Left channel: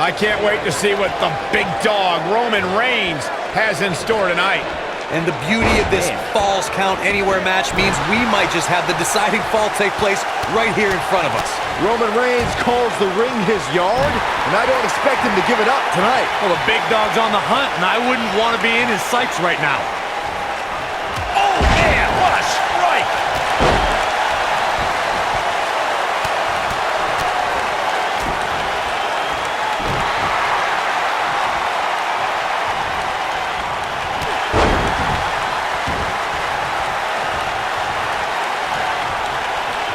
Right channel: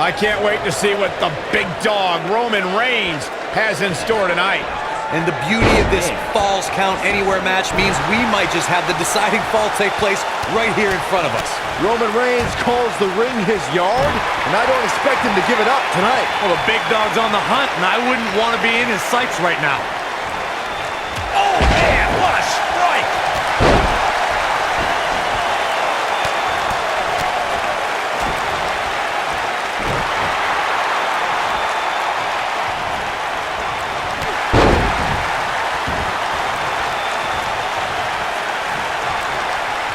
I can't wait to see what the big dog, Roman Reigns, has in store tonight. And the beauty of this Falls Count Anywhere match means we might just have the deciding fall take place right here in front of us. Roman Reigns calls the ring his yard, and I don't expect him to give it up tonight. Well, the big dog's on the hunt, and I wouldn't want to be in his sights right now. Oh, man, what a strike!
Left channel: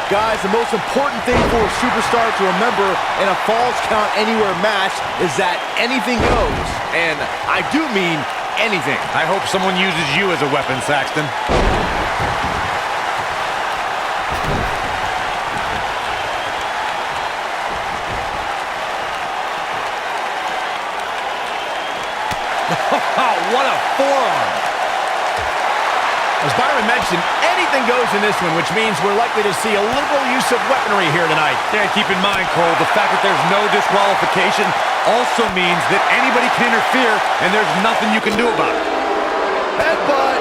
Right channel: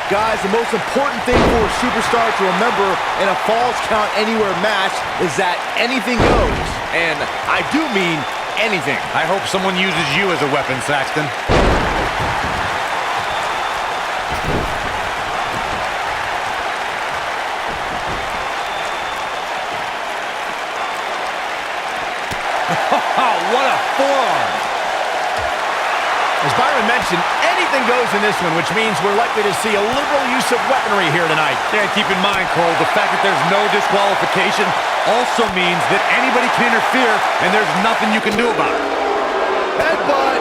Guys, the most important thing for a superstar to remember in a Falls Count Anywhere match is that anything goes. And I do mean anything. I hope someone uses you as a weapon, Saxton. What a forearm! As Byron mentioned, anything goes in this one, which means we're likely to see a liberal use of weaponry here tonight. And keep in mind, Cole, the fact that there's no disqualification also means that anybody can interfere, and there's nothing you can do about it. Headbutt!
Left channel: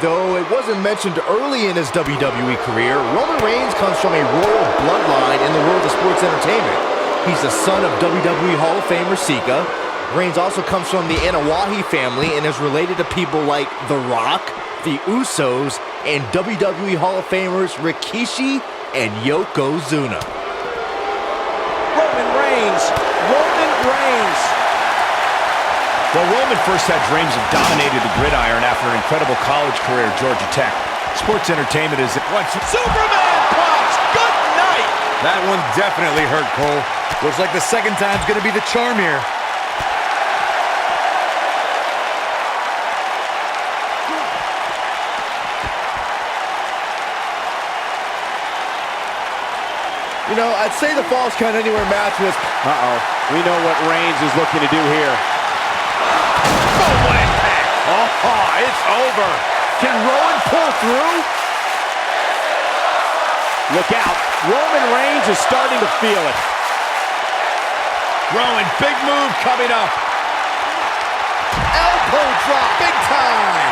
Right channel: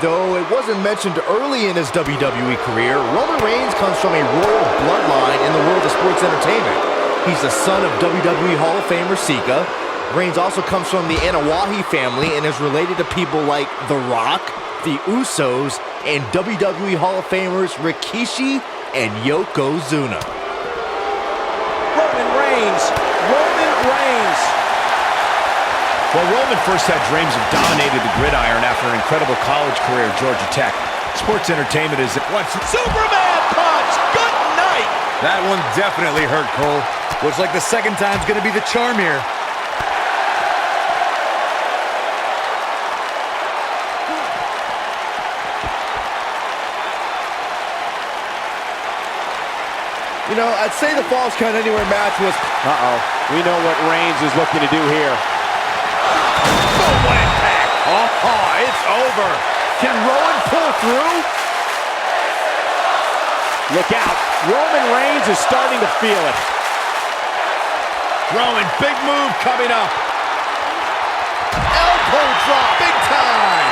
Though it wasn't mentioned early in his WWE career, Roman Reigns comes from a royal bloodline in the world of sports entertainment. He's the son of WWE Hall of Famer Sika. Reigns also comes from the Anawahi family and is related to people like The Rock, the Usos, and WWE Hall of Famers Rikishi and Yokozuna. Roman Reigns! Roman Reigns! Well, Roman first had dreams of dominating the gridiron after an incredible college career at Georgia Tech. Sports entertainment is what's Superman punch! Good night! That one definitely hurt, Cole. Looks like the second time's gonna be the charm here. You know, I'd say the Falls Count Anywhere match was... We know what Reigns is looking to do here. Boom, what impact! Oh, it's over. Can Rowan pull through? Look out. Roman Reigns is starting to feel it. Rowan, big move coming up. Elbow drop, big time.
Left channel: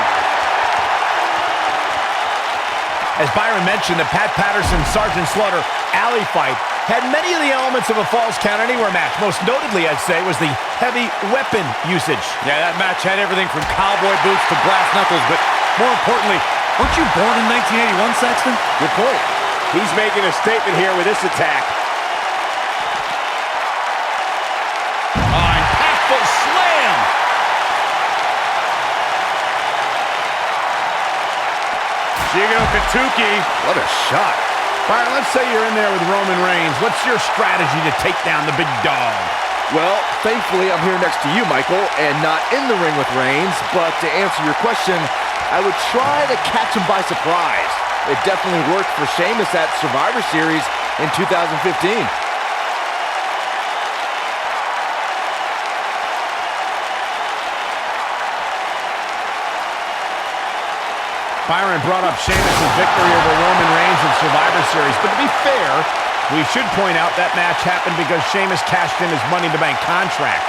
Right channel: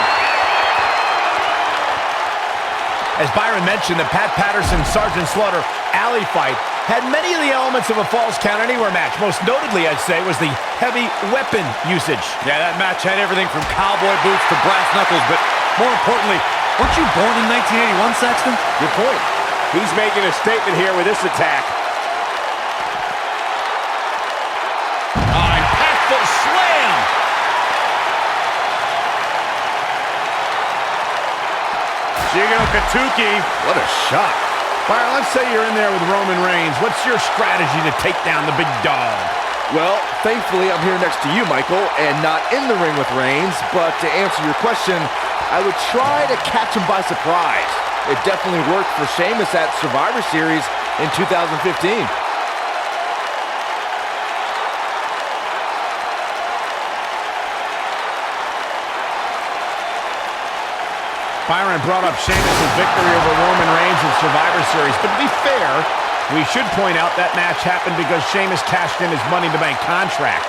As Byron mentioned, the Pat Patterson-Sergeant Slaughter alley fight had many of the elements of a Falls Count Anywhere match. Most notably, I'd say, was the heavy weapon usage. Yeah, that match had everything from cowboy boots to brass knuckles, but more importantly, weren't you born in 1981, Saxton? Good point. He's making a statement here with this attack. Oh, impactful slam! Jigo Katuki. What a shot. Byron, let's say you're in there with Roman Reigns. What's your strategy to take down the big dog? Well, thankfully, I'm here next to you, Michael, and not in the ring with Reigns. But to answer your question, I would try to catch him by surprise. It definitely worked for Sheamus at Survivor Series in 2015. Byron brought up Sheamus' victory over Roman Reigns in Survivor Series, but to be fair, we should point out that match happened because Sheamus cashed in his Money in the Bank contract.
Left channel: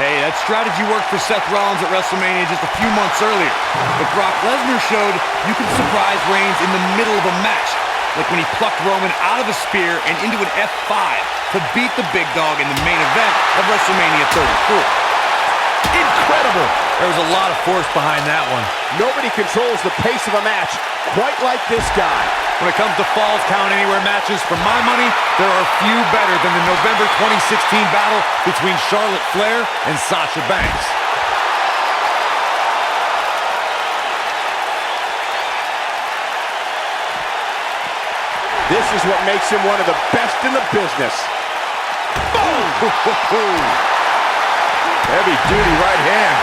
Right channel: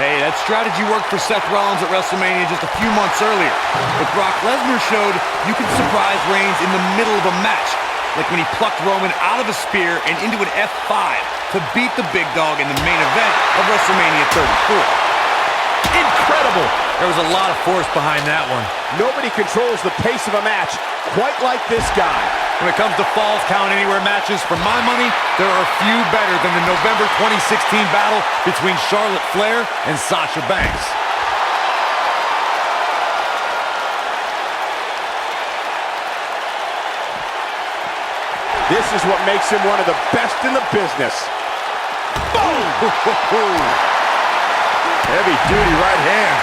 Hey, that strategy worked for Seth Rollins at WrestleMania just a few months earlier. But Brock Lesnar showed you can surprise Reigns in the middle of a match, like when he plucked Roman out of a spear and into an F5 to beat the big dog in the main event of WrestleMania 34. Incredible! There was a lot of force behind that one. Nobody controls the pace of a match quite like this guy. When it comes to Falls Count Anywhere matches, for my money, there are few better than the November 2016 battle between Charlotte Flair and Sasha Banks. This is what makes him one of the best in the business. Boom! Heavy-duty right hand.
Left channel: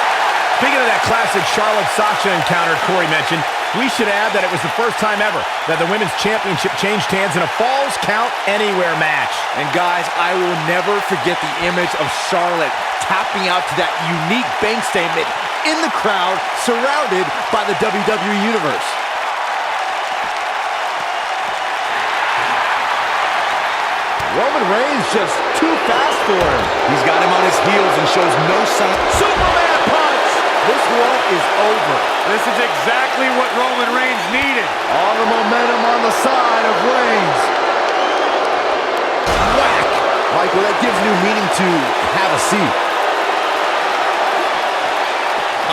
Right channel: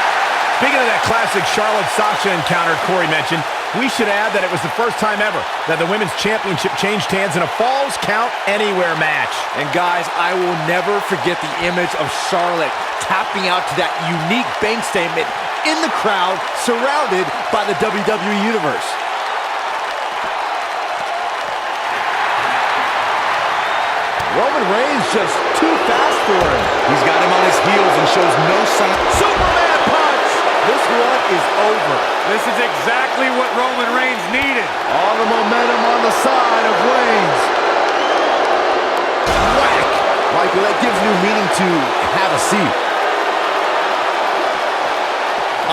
Speaking of that classic Charlotte-Sasha encounter Corey mentioned, we should add that it was the first time ever that the Women's Championship changed hands in a Falls Count Anywhere match. And guys, I will never forget the image of Charlotte tapping out to that unique bank statement in the crowd, surrounded by the WWE Universe. Roman Reigns just too fast for him. He's got him on his heels and shows no sign. Superman punch! This one is over. This is exactly what Roman Reigns needed. All the momentum on the side of Reigns. Whack! Michael, that gives new meaning to have a seat.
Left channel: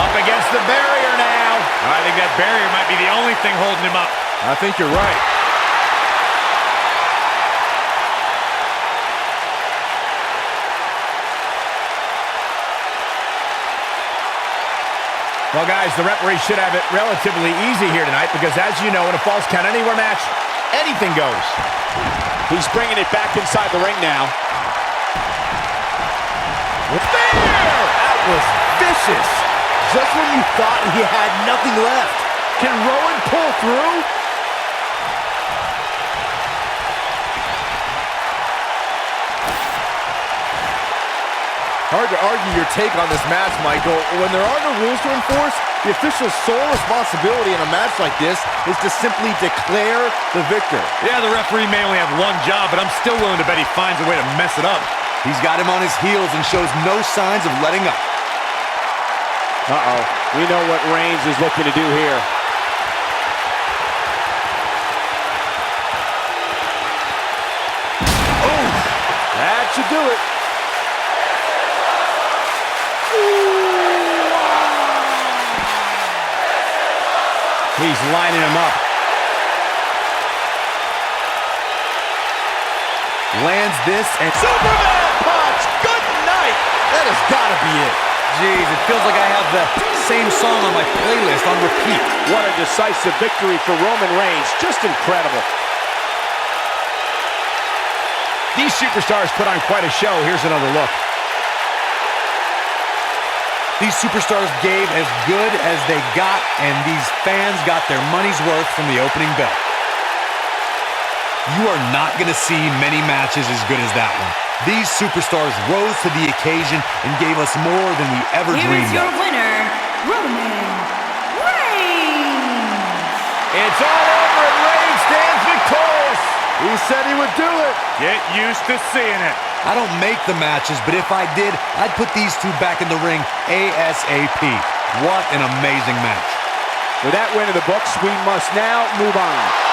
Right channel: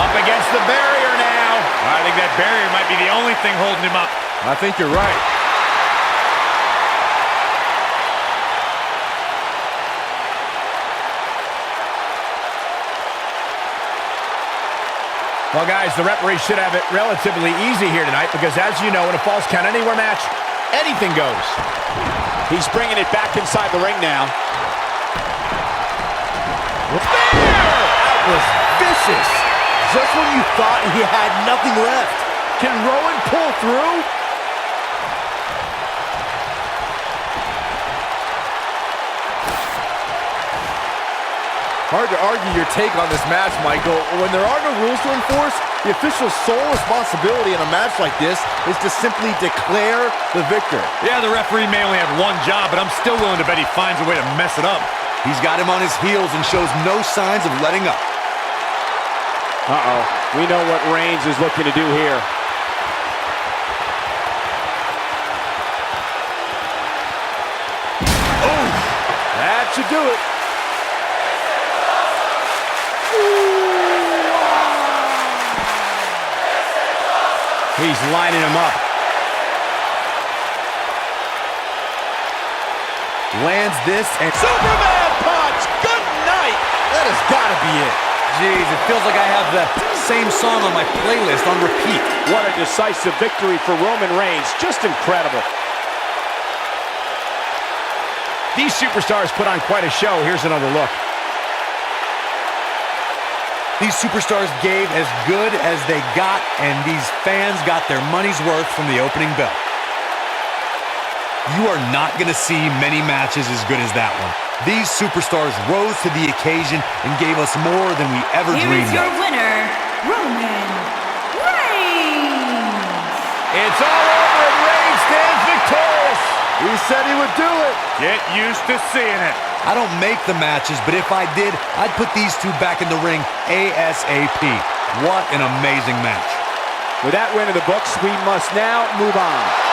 Up against the barrier now. I think that barrier might be the only thing holding him up. I think you're right. Well, guys, the referee should have it relatively easy here tonight because, as you know, in a Falls Count Anywhere match, anything goes. He's bringing it back inside the ring now. Spear! That was vicious. Just when you thought he had nothing left. Can Rowan pull through? Hard to argue your take on this match, Michael. When there are no rules to enforce, the official's sole responsibility in a match like this is to simply declare the victor. Yeah, the referee may only have one job, but I'm still willing to bet he finds a way to mess it up. He's got him on his heels and shows no signs of letting up. Uh-oh. We know what Reigns is looking to do here. Oh, that should do it. He's lining him up. Lands this and Superman punch! Good night! That has got to be it. Jeez, it feels like I have the same song on my playlist on repeat. What a decisive victory for Roman Reigns. Just incredible. These superstars put on quite a show. Here's another look. These superstars gave as good as they got, and these fans got their money's worth from the opening bell. You are not going to see many matches as good as that one. These superstars rose to the occasion and gave us more than we ever dreamed of. Here is your winner, Roman Reigns. It's all over and Reigns stands victorious. He said he would do it. Get used to seeing it. I don't make the matches, but if I did, I'd put these two back in the ring ASAP. What an amazing match. With that win in the books, we must now move on.